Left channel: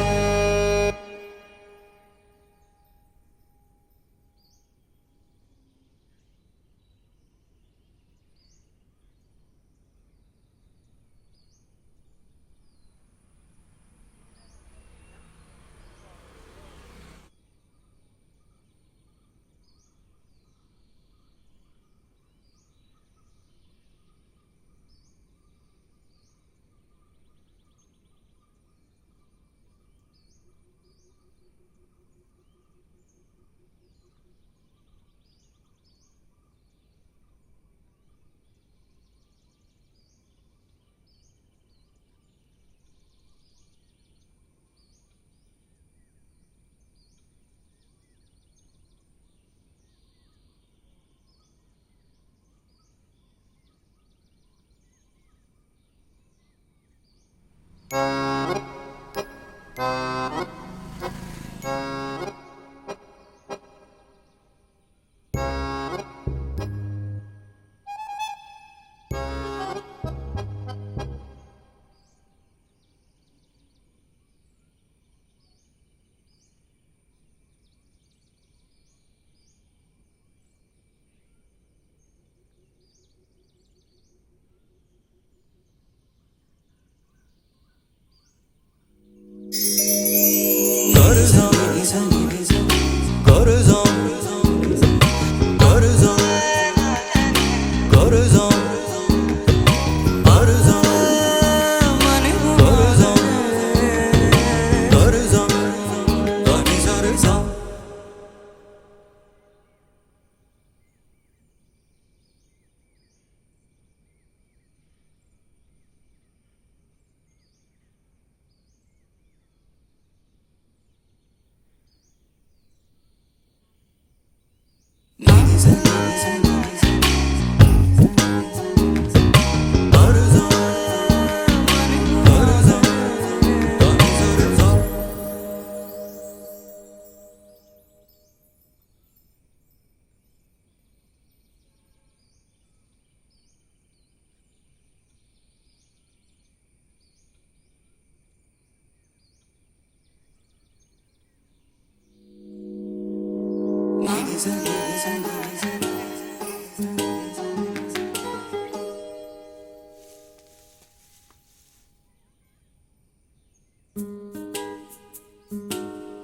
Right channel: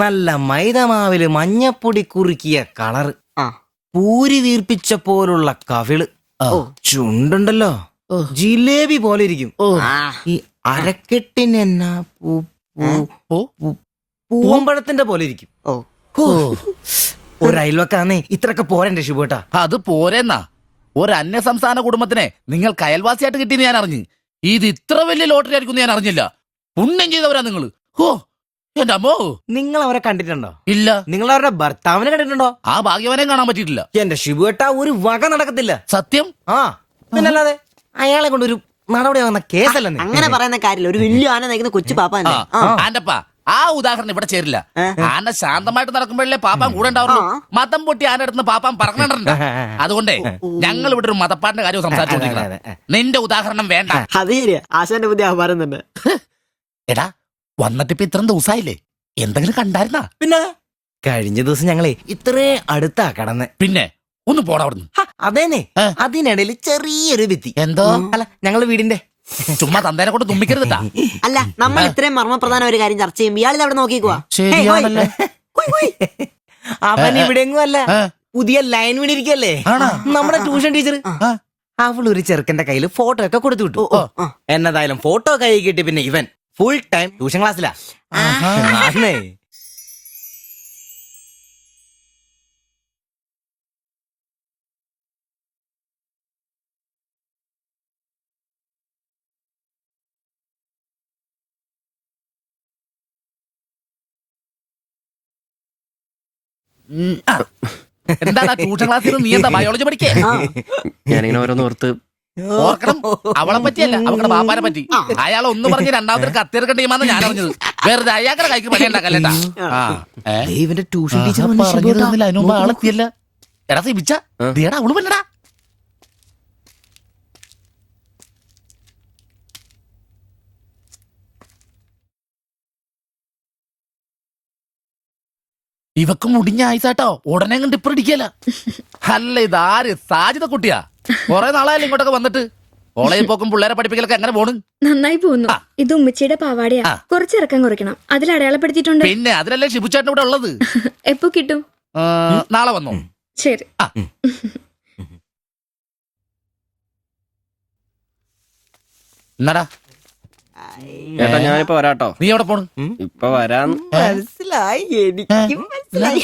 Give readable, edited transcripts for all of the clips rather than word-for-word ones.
നല്ല മൈദമാവില് മഞ്ഞപ്പൊടി കുറുക്കിയ കളറ്, പൂരി വീർപ്പിച്ച പോലുള്ള കവിള്, ചുണ്ടുണ്ടല്ലോ ജിലേബി പോലെ ഇരിക്കും. ഈ അരക്കെട്ടിന് എന്നാ പൂവമ്പഴത്തിന്റെ പോലെ ഇരിക്കും. ഒരു അയൽവക്കാന്നേ ഇത്രയൊക്കെ പോരണ്ടേ ശുഭേട്ടാ? അത് പോരെന്നാ. ഒരു അന്യ സംസ്ഥാന കുടുംബത്തിനെ നിങ്ങൾക്ക് അയൽവാസിയായിട്ട് കിട്ടിയെന്ന് ഞാൻ അറിഞ്ഞു. ഇത് ഇത്ര വലിയ ലോട്ടറി ആയിരിക്കും ഞാൻ അറിഞ്ഞില്ല. പുണ്യം ചെയ്തവരാ നിങ്ങള്. ഓ എന്റെ അമ്മോ. നിങ്ങൾ അവരെ കണ്ടിട്ടുണ്ടോ? ഇല്ല. നിങ്ങൾ അവരുടെ ഭർത്താവിനെ കണ്ടിട്ടുണ്ടോ? ആ ഭാഗ്യവനെ കാണാൻ പറ്റിയിട്ടില്ല. എന്റെ ശിവേട്ട ഒരു വക നടക്കത്തില്ല. സത്യം. ആ പിന്നല്ലാതെ അയാളെ കൊണ്ടൊരു നടപടി വന്ന കേസല്ല. അങ്ങനെ പറയുന്ന കാര്യമില്ല. ഒരു വലിയ ആന നയിക്കുന്ന കൊച്ചു പാപ്പാ. ആന്റപ്പാ ആ ഉദാഹരണം ഇവിടെ ചേരില്ല. ആന ശാന്തമായിട്ട് നടക്കുമ്പോഴല്ലേ പാപ്പാൻ കൂടെ ഉണ്ടാവുള്ളൂ. മതം പൊട്ടി ആന അടുത്ത് പാപ്പാൻ പറഞ്ഞിട്ടുണ്ട്. അതുകൊണ്ടേ ഞങ്ങൾ ഇവിടെ ഒരു മതപ്പാടിന്റെ കാര്യം സംസാരിച്ചോണ്ടിരിക്കുന്നത്. നിന്റെ ഉദാഹരണം വേണ്ട. അത് ശരിയാ, ആശാന്റെ പുതിയ ആഹാരം തന്നെ. എടാ വന്നിട്ട് ഇപ്പൊ ഇത്ര ദിവസമായില്ലേ, എന്തെങ്കിലും കണ്ടായിരുന്നാ? പിന്നെ കഴിഞ്ഞ ദിവസം ഞങ്ങളെ ഇത്രേ അടുത്താ കടന്ന്. പിന്നെ ഒന്ന് പോടാ അവിടുന്ന്. അതേനെ, അതിനിടയിൽ ചെറിയൊരു ഭിത്തി. എന്തോ അല്ല ഞങ്ങള് വീടിന്റെ ചുമ്മാ തന്തേനെ കൊണ്ട് തുമ്മിക്കരുതാ. അല്ല, നമ്മൾ ഇത്രയും മർമ്മപ്രധാന ഒരു കാര്യം ചർച്ച ചെയ്യുമ്പോൾ ഇയാളിൽ അവിടെ നോക്കിക്കുവാ. ശരിയാണല്ലേ. അവൻ ഇവിടെങ്ങും അല്ല, പുതിയ ലൈൻ വീണിരിക്കല്ലേ നമ്മുടെ ട്യൂഷൻ ടീച്ചർ. അവളൊരു ചെറുക്കന്റെ കയ്യിൽ ഫോട്ടോ ഒക്കെ കൊടുത്തു വിട്ടു. എന്നതായാലും ഫോട്ടോ കൈ കിട്ടി. പിന്നെ ഇവൻ ഫുൾ ടൈം ട്യൂഷൻ ക്ലാസ്സിലാ. എന്താ ട്യൂഷൻ ക്ലാസ്സിൽ നീ എന്താ ബയോളജി പഠിക്കേ? ഞാനിങ്ങനെ ഓരോന്ന് ഓർത്ത് ഓർക്കണം. അവളെ പറ്റിയല്ല, അവളുടെ ബാപ്പാനെ പറ്റി. അയാൾ ഒന്ന് പറഞ്ഞ് രണ്ടാമത്തെ കത്തിയെടുക്കേണ്ട ടീമാന്ന് ഞാൻ അറിഞ്ഞത്. വെറുതെ അയാളുടെ കൈക്ക് പണി ഉണ്ടാക്കല്ലേട്ടാ. ഇവന്റെ ട്യൂഷൻ ടീച്ചർ അതിനുമ്പ് ആളെത്തിയല്ല. എടാ സിബിച്ച ദേടാ അവള് പറ്റടാ. ഇവക്ക് മുടിഞ്ഞ ആയിസാട്ടോ, ഉടനെ കണ്ട് ഇപ്പടിക്കല. അല്ല ഇതാര് സാജിത കുട്ടിയാ? കൊറേ നാളായാലും ഇങ്ങോട്ടൊക്കെ വന്നിട്ട്. കോളേജിൽ പോക്കും പിള്ളേരെ പഠിപ്പിക്കലൊക്കെ എങ്ങനെ പോണ്? നന്നായി പോകുന്നു. ഇത് ഉമ്മച്ചിയുടെ പാവാടിയാ, കുറച്ചിറക്കം കുറയ്ക്കണം. അതിൽ അടയാളപ്പെടുത്തിയിട്ടുണ്ട്. പിന്നെ അതിലല്ലേ ഷിബുചേട്ടൻ ഇവിടെ ഉള്ളത്. എപ്പോ കിട്ടും? നാളെ വന്നോ? ശരി. എന്നാടാ ചേട്ടാ ഞാനിപ്പോ വരാട്ടോ. നീ എവിടെ പോണ്? ഇപ്പൊ വരാന്ന്. മനസ്സിലായി, എനിക്കും മനസ്സിലായി.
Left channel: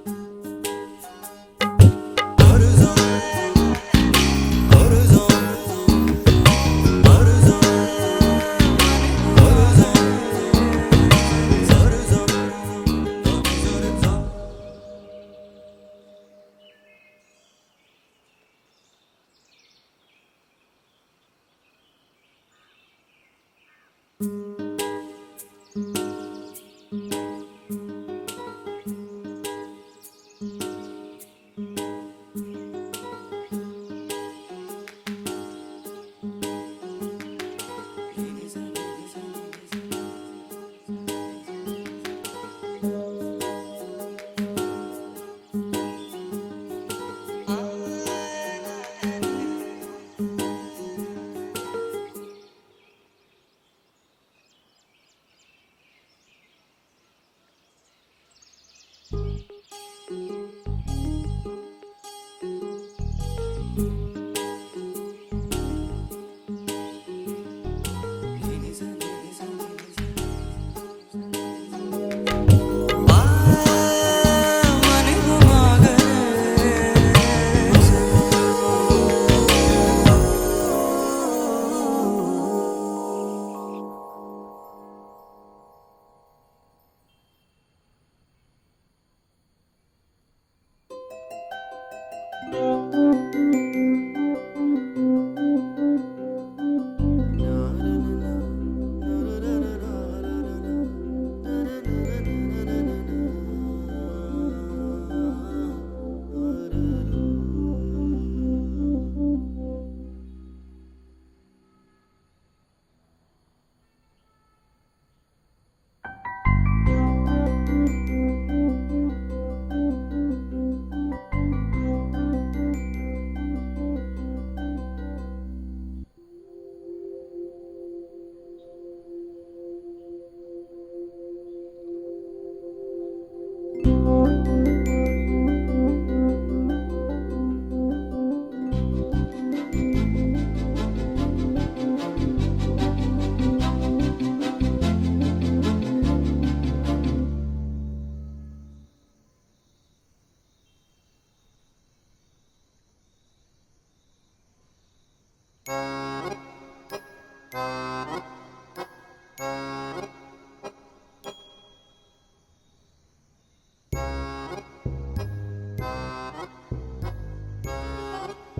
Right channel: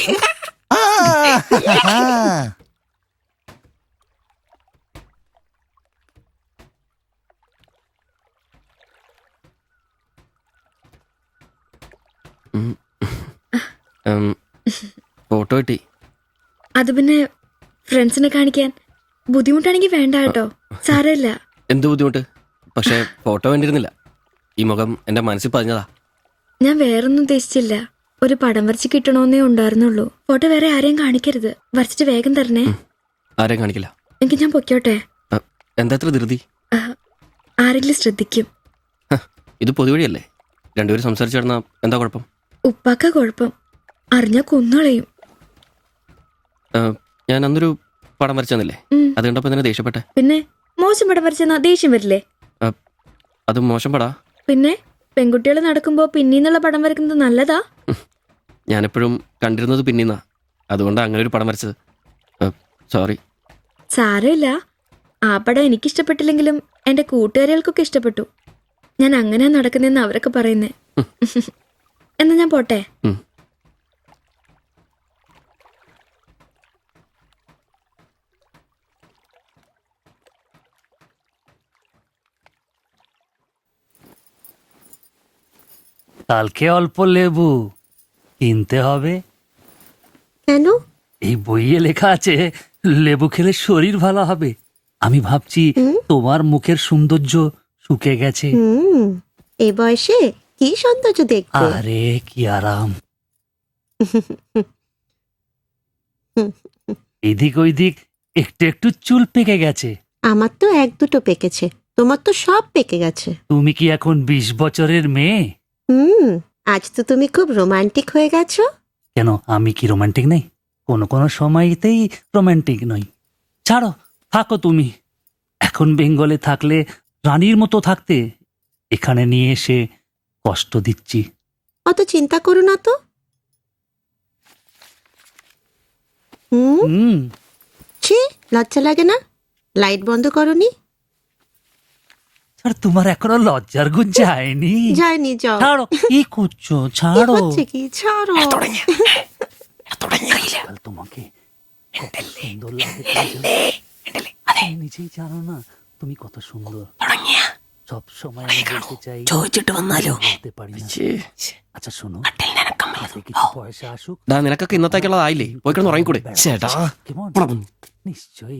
ഫോട്ടോ കിട്ടി. അത് പിന്നെ ഫ്രണ്ട്സിനെ കാണിക്കാൻ ബുദ്ധിമുട്ടാണെങ്കിൽ വേണ്ട കേട്ടോ, സാരമില്ല. എന്ത് ബുദ്ധിമുട്ട്? പക്ഷെ ഫോട്ടോ വേണ്ടിയിരുന്നില്ല. ഈ മുഖം എന്റെ മനസ്സിൽ പതിഞ്ഞതാ. ഞാൻ വേറൊന്നും ഉദ്ദേശിച്ചില്ല. ഒരു പടം വരച്ച് കിട്ടണമെന്നേ ഉണ്ടായിരുന്നുള്ളൂ. ഫോട്ടോ വേറെ ആരെയും കാണിക്കരുത്. വരച്ചിട്ട് വേഗം തരണേ. ആരെയും കാണിക്കില്ല. എനിക്ക് ഞാൻ പൊക്കോട്ടെ? എന്താ ഇത്ര ധൃതി? ആരെങ്കിലും ശ്രദ്ധിക്കും. ഇത് പൊതുവഴിയല്ലേ, രണ്ടുപേരും സംസാരിച്ചു കിടന്നാ എന്താ കുഴപ്പം? ഉപ്പാക്ക കുഴപ്പം, അറിഞ്ഞാ കൊന്നുകളയും. ഞാൻ അന്നൊരു പടം വരച്ചു തന്നില്ലേ, അത് കണ്ടപ്പോ തന്നെ ദേഷ്യപ്പെട്ടെ. പിന്നെ മോശം പടം വരച്ചെന്നാ ദേഷ്യം വരില്ലേ? അത് മോശം പടാ. പിന്നെ പെൺകുട്ടികൾ നടക്കുമ്പോ പിന്നീന്നുള്ള പടം വരക്കുന്നത് നല്ലതാ? ഞാനെപ്പോഴും കണ്ടിരുന്നത് പിന്നീന്നാ, അതുകൊണ്ടാണ് അങ്ങനെ ഒരു പടം വരച്ചത്. സോറി. സാരമില്ല. ആ പടം എനിക്കിഷ്ടപ്പെട്ടില്ലെങ്കിലും എന്റെ കൂട്ടുകാരികൾക്കൊക്കെ ഇഷ്ടപ്പെട്ടു. ഞാൻ അങ്ങനെ നടക്കുന്നെന്ന് അവരൊക്കെ പറയുന്നേ. എന്നാ ഞാൻ പോട്ടെ. কালকে অল্প লেবু কিনতে হবে। কেন? এই বইয়ে লেখা আছে লেবু খেলে শরীর ভালো হবে। আমি ভাবছি তোমার মুখের সৌন্দর্য শুকে গেছে। এই বয়সে কি সৌন্দর্য দেখবে? আরে কি আরাম। এদিক ওইদিক একটু একটু চুল পেকে গেছে। আমার তো এক দুটো পেকেছে, তোমার তো সব পেকে গেছে। তুমি কি এখন 20 বছরের মেয়ে? আজ তো তুমি খুব রোমান্টিক হয়ে গেছো। কেন আমি কি রোমান্টিক নেই? কোনো কোনো সময়তেই রোমান্টিক নই। ছাড়ো, থাকো তুমি। এখন বেঙ্গলে থাকলে রানীর মতো থাকতে, এখানে নিয়ে এসে কষ্ট দিচ্ছি। অত চিন্তা করো না তো, ছি, লজ্জা লাগে না? লাইট বন্ধ করনি? আর তোমার এখনো লজ্জার গুণ যায়নি? যায়নি, যাও। ছাড়ো, কি করছো? কি ছাড়ো। হচ্ছে কি? ছাড়ো। কাল তোমাকে কত সুন্দর লাগে তুমি নিজেই জানো না তুমি কত সুন্দর। সবসময় আমি বলতে চাই ചോദിച്ചിട്ട് വന്നാലോ? বলতে পারি না। আচ্ছা শোনো, হাতে কিছু পয়সা আসুক। ഡാ നിനക്കൊക്കെ ഇന്നത്തേക്കുള്ളതായില്ലേ? പോയി കിടന്ന് ഉറങ്ങിക്കൂടെ? ചേട്ടാ কেমন? নিশ্চয়ই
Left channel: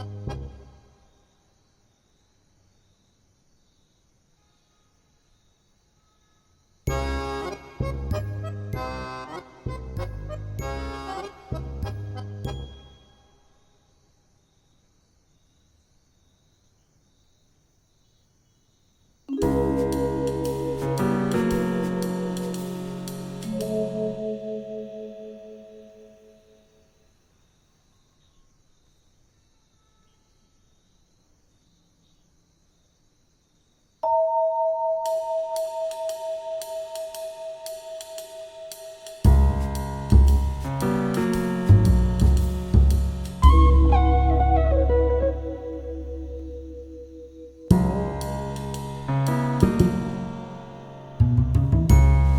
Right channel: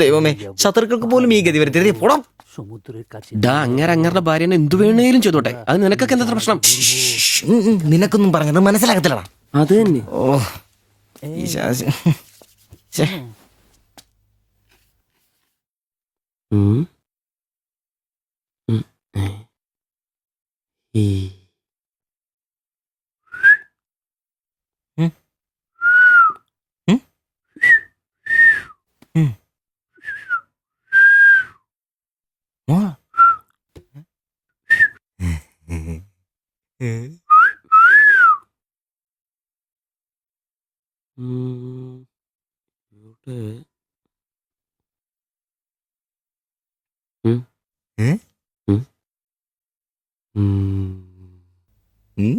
ദൈവമേ, ശത്രുക്കൾക്ക് പോലും ഈ ഗതി വരുത്തരുതേ. പോടാം. সমুদ্রের কাছে ഡാ അങ്ങേരുടെ ഭാര്യനെ എന്തു വേണേലും ചെയ്തോട്ടെ. അത് നിനക്കൊക്കെ എന്താ പ്രശ്നം? നിനക്കൊന്നും പറഞ്ഞത് മനസ്സിലാകത്തില്ലടാ. അത് തന്നെ. ഓ ഈ ശാസി. ഛെ. ഉം. ഉം. ആ. ഉം. ഏ? ഉം. ഉം. ഉം. ഉം.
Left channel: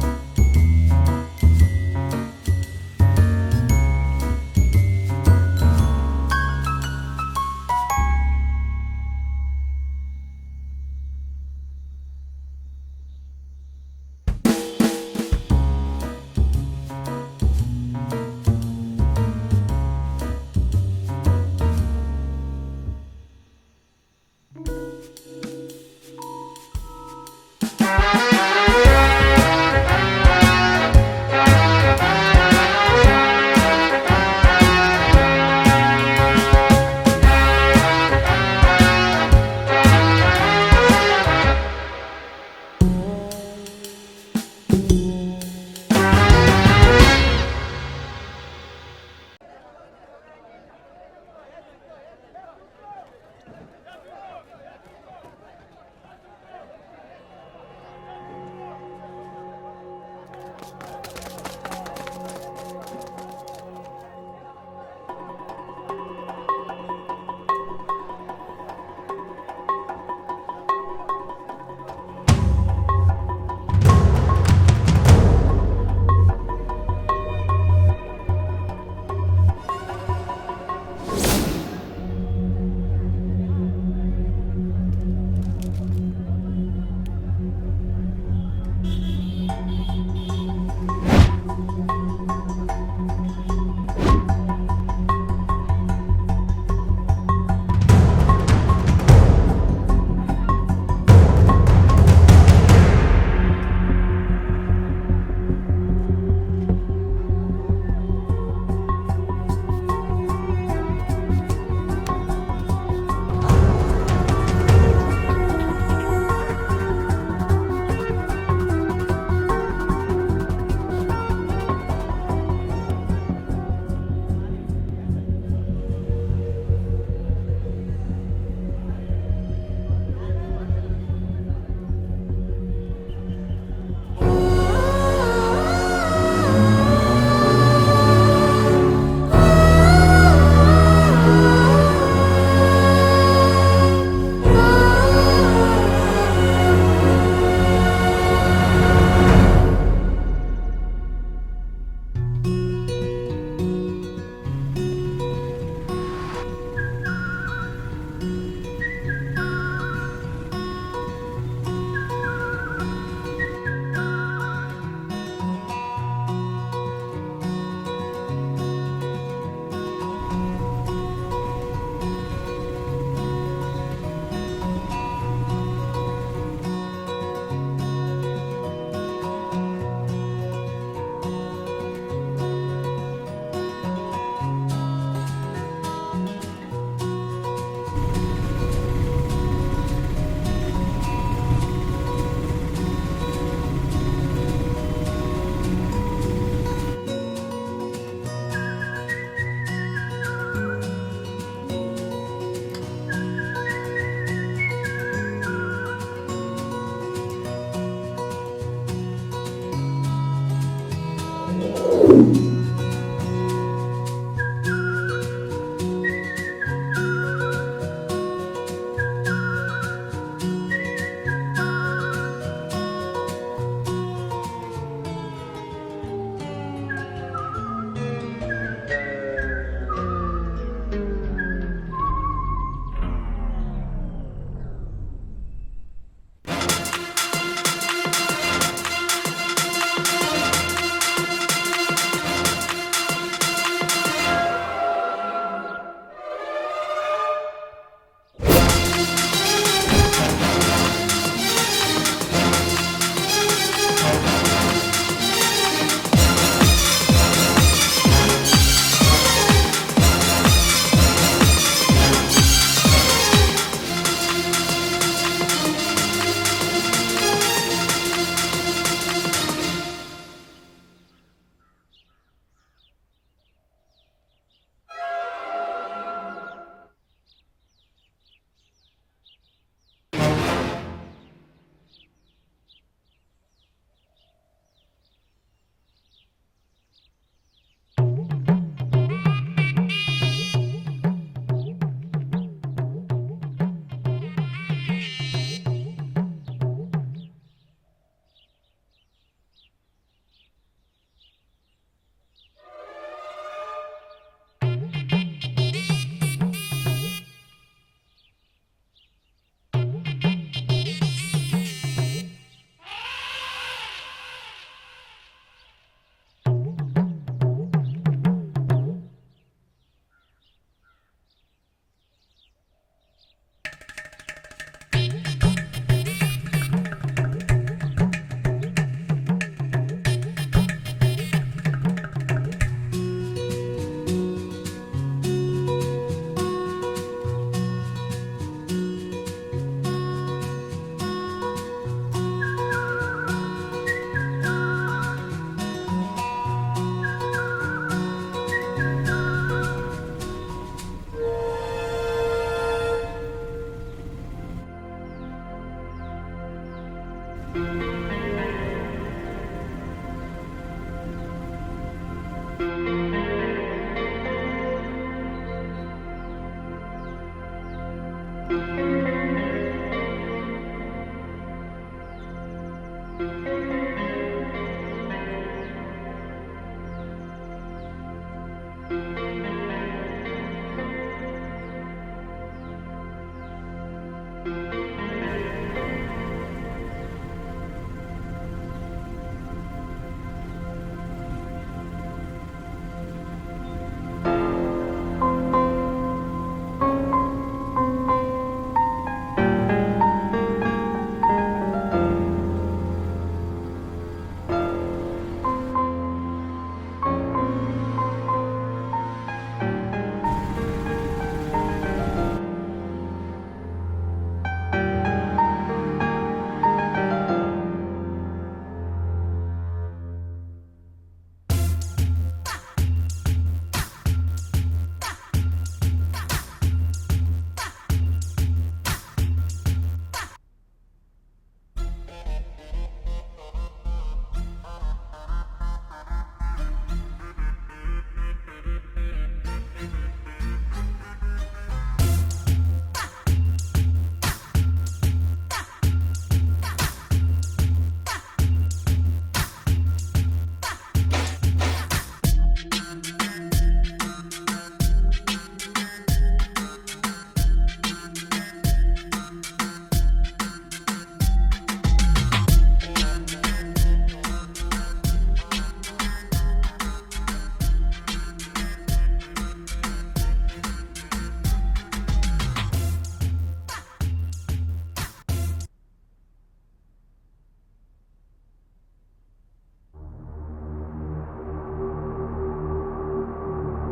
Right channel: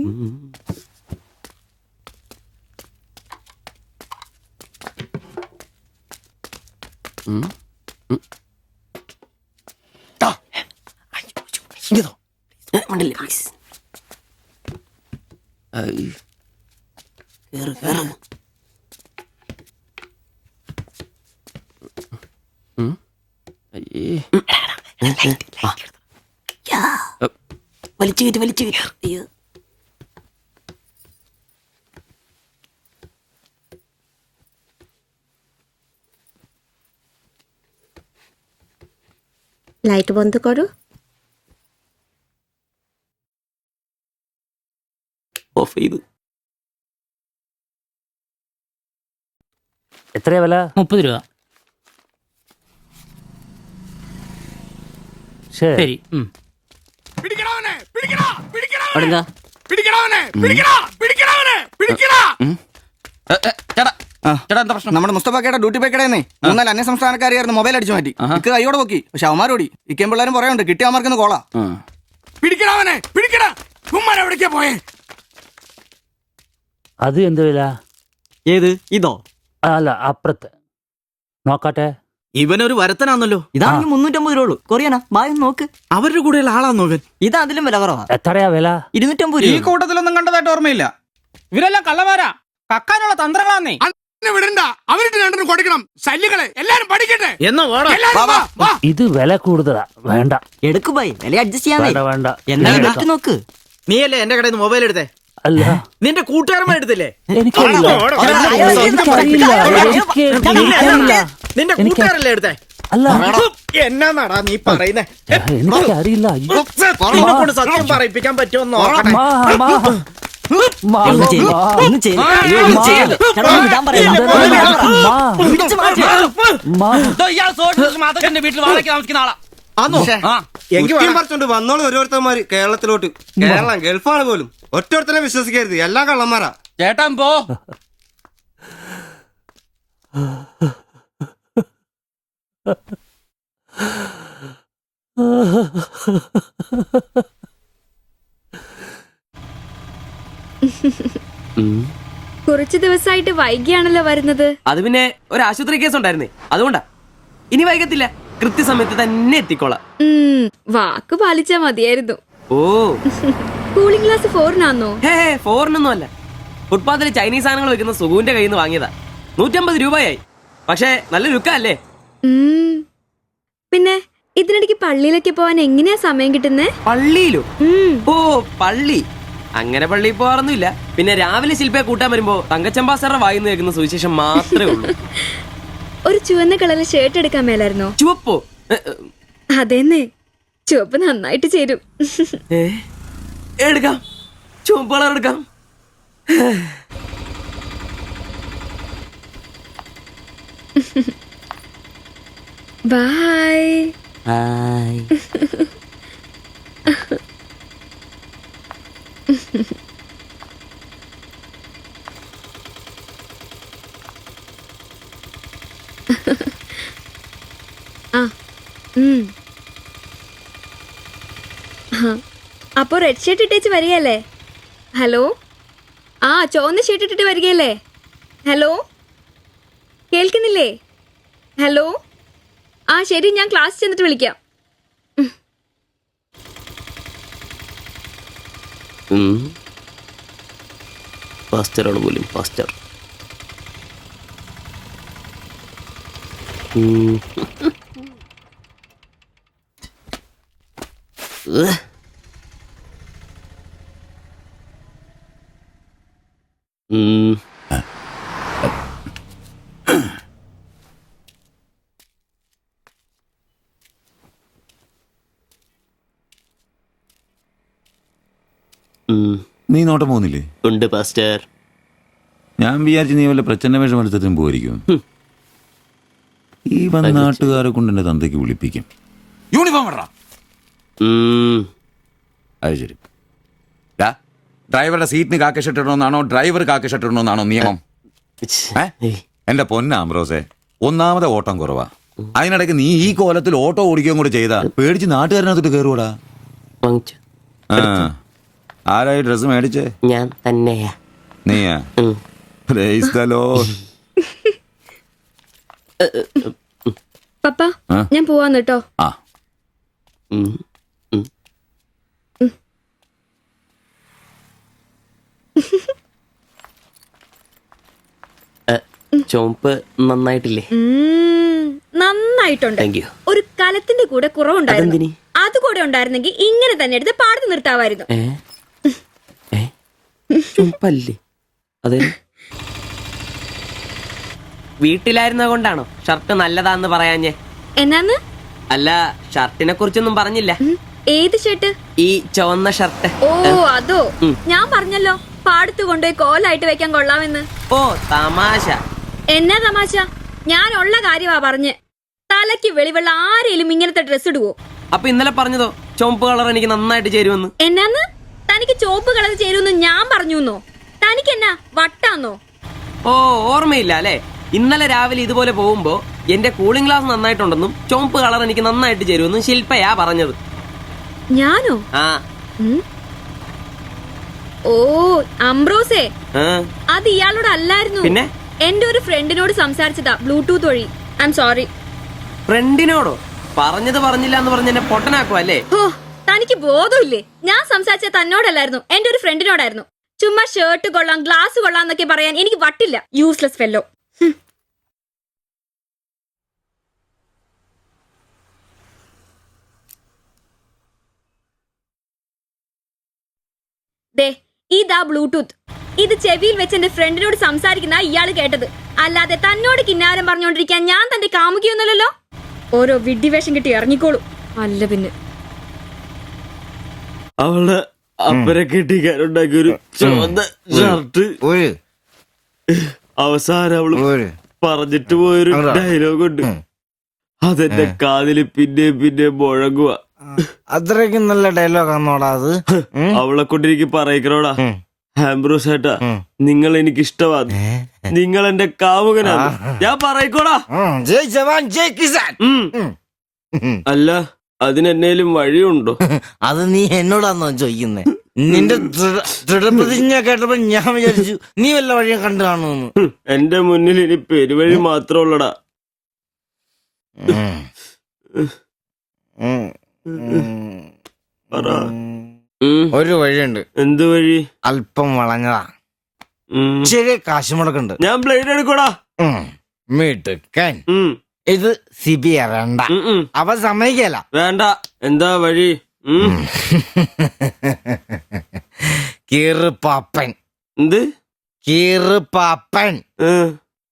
ഇങ്ങതോ. മണ്ടില്ല, please. ഐ. കേറ്, കേറ്. ഉം. അയ്യേ. യാ. വലിച്ചു കയറ്റി, വലിച്ചു കയറ്റി. লাইট বন্ধ করো। ഓഫ് ചെയ്തു. എത്രയാ വില? 30 രൂപ. ശരി. അവിടെന്താ? ചേട്ടാ എന്താ പ്രശ്നം? നമ്മുടെ മുസ്തഫക്കയുടെ ഡ്യൂട്ടി പേക്കടേന്നേ 3-4 അന്യ സംസ്ഥാനക്കാരിയായിരുന്നു മൊബൈൽ അടിച്ചു മാറ്റി. ഇക്ക് കൈയോടെ നോക്കി, പക്ഷെ അവന്മാരോടി ഇക്കേം പിള്ളേരും പറയാനുണ്ട് കിട്ടിയ അവന്മാർക്കൊന്ന് കോളാ. അത് എന്ത് വില? ഏത് ഇതോ? അല്ല അപ്പുറത്ത് നോക്കട്ടെ. ഇവനൊരു വരത്തനാന്നല്ലോ. ഇതാണെങ്കിൽ 350 രൂപ ഉള്ളൂ. കൊറിയനാ, ബായ് നോക്ക്. അവരുടെ കൂടെയുള്ള ആളാന്നോ ഇവൻ? ഇത് അതിലും വില കുറവാ. എത്രയാ വില? 250 ഈ രൂപ. കൂട്ടത്തിലൊന്നും കണ്ടതായിട്ട് ഓർമ്മയില്ല. ഇവരെല്ലാം കള്ളമാരാ, കക്കാനുള്ള തന്ത്രങ്ങളാന്നേ. എന്നാ വേണം. ഇത് വില കൂടുതലാ, വേണ്ട. എടുക്ക് ബായ്, വില അഡ്ജസ്റ്റ് ചെയ്യാന്നേ. വേണ്ട വേണ്ട. എന്തായാലും എടുത്ത് നോക്ക്. നീയല്ലേ എന്റെ കടയിൽ നിന്ന് മൊബൈൽ എടുത്തേ? അല്ല നിന്റെ കൂട്ടുകാരന്മാർ എടുത്തില്ലേ? എനിക്കറിയില്ല. നിന്റെ കൂട്ടുകാരല്ലേ എടുത്തേ? അല്ല എന്നാന്നാടാ നീ പറയുന്നേ? എനിക്കറിയില്ല. നിന്നെ കൊണ്ട് സത്യം പറയിപ്പിക്കാൻ പറ്റുമെന്ന് നോക്കട്ടെ. ഒന്ന് ചെയ്യ്, ഒന്ന് ചെയ്യ്. ഒന്ന് ചെയ്യല്ലേ. ചേട്ടാ, ഒന്ന് വിടാൻ പറയണ്ട. പിടിച്ച് മാറ്റ്. വീട്ടിൽ വാടകയ്ക്ക് താമസിക്കുന്ന ആളാ. ആന്നോ? കുറ്റിയും പറിച്ചോണ്ട് വന്നോളൂ ഓരോരുത്തന്മാര് കേരളത്തിലോട്ട്. കേരളം ഗൾഫാണ് പോലും. ഒറ്റൊരുത്തരെ വിശ്വസിക്കരുത്, എല്ലാ കള്ളന്മാരാ. ചേട്ടാ പോ. കുറച്ചു ദിവസമായിട്ട് വൈകിയാണല്ലോ വരുന്നത്. അത് പിന്നെ ഒരു ആശുപത്രി കേസ് ഉണ്ടായിരുന്നേ, അതുകൊണ്ടാ. ഇനി വൈകത്തില്ല, കൃത്യസമയത്ത് തന്നെ എത്തിക്കോളാം. വാക്ക് പാലിച്ചാ മതിയായിരുന്നു. ഓ കൂളിംഗ് ഗ്ലാസ് 4-നാന്നോ? ഹേ ഫോറിനൊന്നും അല്ല. ഫുട്പാത്തിൽ ചൈനീസ് സാധനങ്ങൾ വെക്കുന്ന സുഗുവിന്റെ കയ്യിൽ നിന്ന് വാങ്ങിയതാ. 150 രൂപയായി. പക്ഷെ നല്ല ലുക്കല്ലേ? പിന്നെ ഇതിനിടയ്ക്ക് പള്ളിയിലൊക്കെ പോവാൻ എങ്ങനെയാ സമയം കിട്ടുന്നേ? പള്ളിയിലും? ഓ പള്ളി അങ്ങനെ പള്ളിയിൽ പോവാറൊന്നുമില്ല. പിന്നെ രാവിലെ ശില്പയെ കൂട്ടാൻ വരുമ്പോ തങ്കച്ചമ്പാസറുടെ വായിന്ന് കേൾക്കുന്ന സുവിശേഷം മാത്രമേ ഉള്ളൂ. ഒരു ചുവന്ന കളറിൽ ഷർട്ട് എടുക്കാൻ മേലായിരുന്നോ? ചുവപ്പോ? അതെന്നെ, ചുവപ്പ് നന്നായിട്ട് ചേരും. എടുക്കാം, ചുവപ്പ് കളർ എടുക്കാം. ബൈ. റെഡ് ഷർട്ട് ഇട്ടേച്ച് വരികയല്ലേ? ഹലോ, ആ ചുവന്ന ഷർട്ട് ഇട്ടിട്ട് വരികയല്ലേ? ഹലോ, കേൾക്കുന്നില്ലേ? ഹലോ, ആ ശരി, ഞാൻ ക്ലാസ് ചെന്നിട്ട് വിളിക്കാം. ഫാസ്റ്ററാണ് പോലും ഫാസ്റ്റർ. നീ നോട്ടം പോകുന്നില്ലേ? ഉണ്ട് പാസ്റ്റർ. ഞാൻ വിചാരിച്ചു നീ വല്ല പ്രച്ഛന്ന വേഷം എടുത്തിട്ടും പോയിരിക്കും. ഈ വന്ന നാട്ടുകാരെ കൊണ്ട് എന്റെ തന്തയ്ക്ക് വിളിപ്പിക്കും. യൂണിഫോം ഇടറാ. അത് ശരി. ഡ്രൈവറുടെ സീറ്റിന് കാക്ക ഷർട്ട് ഇടണമെന്നാണോ ഡ്രൈവർ കാക്ക ഷർട്ട് ഇടണമെന്നാണോ നിയമം? എന്റെ പൊന്നാമ്പ്രോസേ, ഒന്നാമത്തെ ഓട്ടം കുറവാ. അതിനിടയ്ക്ക് നീ ഈ കോലത്തിൽ ഓട്ടോ ഓടിക്കുകയും കൂടെ ചെയ്താ പേടിച്ച് നാട്ടുകാരനകത്തോട്ട് കയറുവാടാ. ആരായി ഡ്രസ് മേടിച്ചേ? ഞാൻ തന്നെയാ. നീയാ? Praise the Lord. പപ്പ, ഞാൻ പോവാന്ന് കേട്ടോ. ആ ചോപ്പ് നന്നായിട്ടില്ലേ? നന്നായിട്ടുണ്ട്. Thank you. ഒരു കലത്തിന്റെ കൂടെ കുറവുണ്ടായിരുന്നു. അത് കൂടെ ഉണ്ടായിരുന്നെങ്കിൽ ഇങ്ങനെ തന്നെ എടുത്ത് പാടത്ത് നിർത്താമായിരുന്നു. അതെ, വീട്ടിലായിരുന്ന കൊണ്ടാണോ ഷർട്ട് നല്ലതാന്ന് പറയാഞ്ഞേ? എന്നാന്ന്? അല്ല, ഷർട്ടിനെ കുറിച്ചൊന്നും പറഞ്ഞില്ല. ഏത് ഷർട്ട്? ഈ ചുവന്ന ഷർട്ട്. ഓ അതോ, ഞാൻ പറഞ്ഞല്ലോ പാടത്ത് കൊണ്ടുപോയി കോലായിട്ട് വെക്കാൻ കൊള്ളാമെന്ന്. ഓ തമാശ. എന്നാ തമാശ? ഞാൻ ഉള്ള കാര്യമാ പറഞ്ഞ്. തലയ്ക്ക് വെളിവുള്ള ആരെയും ഇങ്ങനത്തെ ഡ്രസ് ഇടുവോ? അപ്പൊ ഇന്നലെ പറഞ്ഞതോ ചുവപ്പ് കളർ എനിക്ക് നന്നായിട്ട് ചേരുമെന്ന്? എന്നാന്ന്? തനിക്ക് ചോപ്പ് കളർ ചേരുമെന്ന് ഞാൻ പറഞ്ഞുന്നോ? തനിക്ക് എന്നാ വട്ടാന്നോ? ഓ ഓർമ്മയില്ല അല്ലേ? ഇന്നലെ രാവിലെ ഇതുപോലെ പോകുമ്പോ എന്റെ കൂളിംഗ് ഗ്ലാസ് നന്നായിട്ടുണ്ടെന്നും ചുവപ്പ് കളർ എനിക്ക് നന്നായിട്ട് ചേരുമെന്നും ശില്പയാ പറഞ്ഞത്. ഞാനോ? ആ. ഓ അംബ്രോസേ, ആ. അത് ഇയാളോട് അല്ലായിരുന്നു. പിന്നെ? എന്റെ ഒരു ഫ്രണ്ടിനോട് സംസാരിച്ചതാ ബ്ലൂടൂത്ത് വഴി. I am sorry. ഫ്രണ്ടിനോടോ? പറഞ്ഞത് പറഞ്ഞില്ല എന്ന് പറഞ്ഞ് എന്നെ പൊട്ടനാക്കും അല്ലേ? ഓ, തനിക്ക് ബോധമില്ലേ? ഞാൻ സംസാരിച്ച തന്നോടല്ലായിരുന്നു, എന്റെ ഒരു ഫ്രണ്ടിനോടായിരുന്നു. ചുമ്മാ ഷർട്ട് കൊള്ളാം ഗ്ലാസ് കൊള്ളാം എന്നൊക്കെ പറയാൻ എനിക്ക് വട്ടില്ല. Useless fellow. ഇതാ ബ്ലൂടൂത്ത്. ഇത് ചെവിയിൽ വെച്ച് എന്റെ ഫ്രണ്ടിനോട് സംസാരിക്കുന്ന ഇയാള് കേട്ടത്. അല്ലാതെ തന്നോട് കിന്നാരം പറഞ്ഞോണ്ടിരിക്കാൻ ഞാൻ തന്റെ കാമുകിയൊന്നുമല്ലല്ലോ. ഓരോ വിഡ്ഢിവേഷം കിട്ടി ഇറങ്ങിക്കോളൂ. അല്ല പിന്നെ അവള് അപ്പരെ കെട്ടിക്കാനുണ്ടാക്കിയ ഒരു ചുവന്ന ഷർട്ട് അവസാനം അവള് പറഞ്ഞിട്ട് പോയൊരു ഡയലോഗ് ഉണ്ട്. അതെന്റെ കാതില് പിന്നെ മുഴങ്ങുക. അത്രയ്ക്കും നല്ല ഡയലോഗ് ആണോടാ അത്? അവളെ കൊണ്ടിരിക്കും പറയിക്കണോടാ. ആംബ്രോസ് ഏട്ടാ, നിങ്ങൾ എനിക്ക് ഇഷ്ടമാണ്, നിങ്ങൾ എന്റെ കാമുകനാണ്, ഞാൻ പറയിക്കോടാ. ജയ് ജവാൻ ജയ് കിസാൻ. അല്ല, അതിനെന്നേലും വഴിയുണ്ടോ? അത് നീ എന്നോടാന്നോ ചോദിക്കുന്നേ? നിന്റെ ദൃഢപ്രതിജ്ഞ കേട്ടപ്പോ ഞാൻ വിചാരിച്ചു നീ വല്ല വഴിയും കണ്ടു കാണുമെന്ന്. എന്റെ മുന്നിൽ ഇനി പെരുവഴി മാത്രം ഉള്ളടാ. ഒരു വഴിയുണ്ട്. എന്ത് വഴി? അല്പം വളഞ്ഞതാ, ശരി കാശ് മുടക്കുണ്ട്. ഞാൻ ബ്ലേഡ് എടുക്കോടാ. മീട്ടുക്കൻ, ഇത് സിബി വേണ്ട. അവ സമ്മതിക്കല. വേണ്ട. എന്താ വഴി? കീറുപാപ്പൻ. എന്ത് കീറുപാപ്പൻ?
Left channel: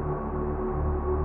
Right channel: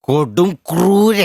കൊടും ക്രൂരൻ.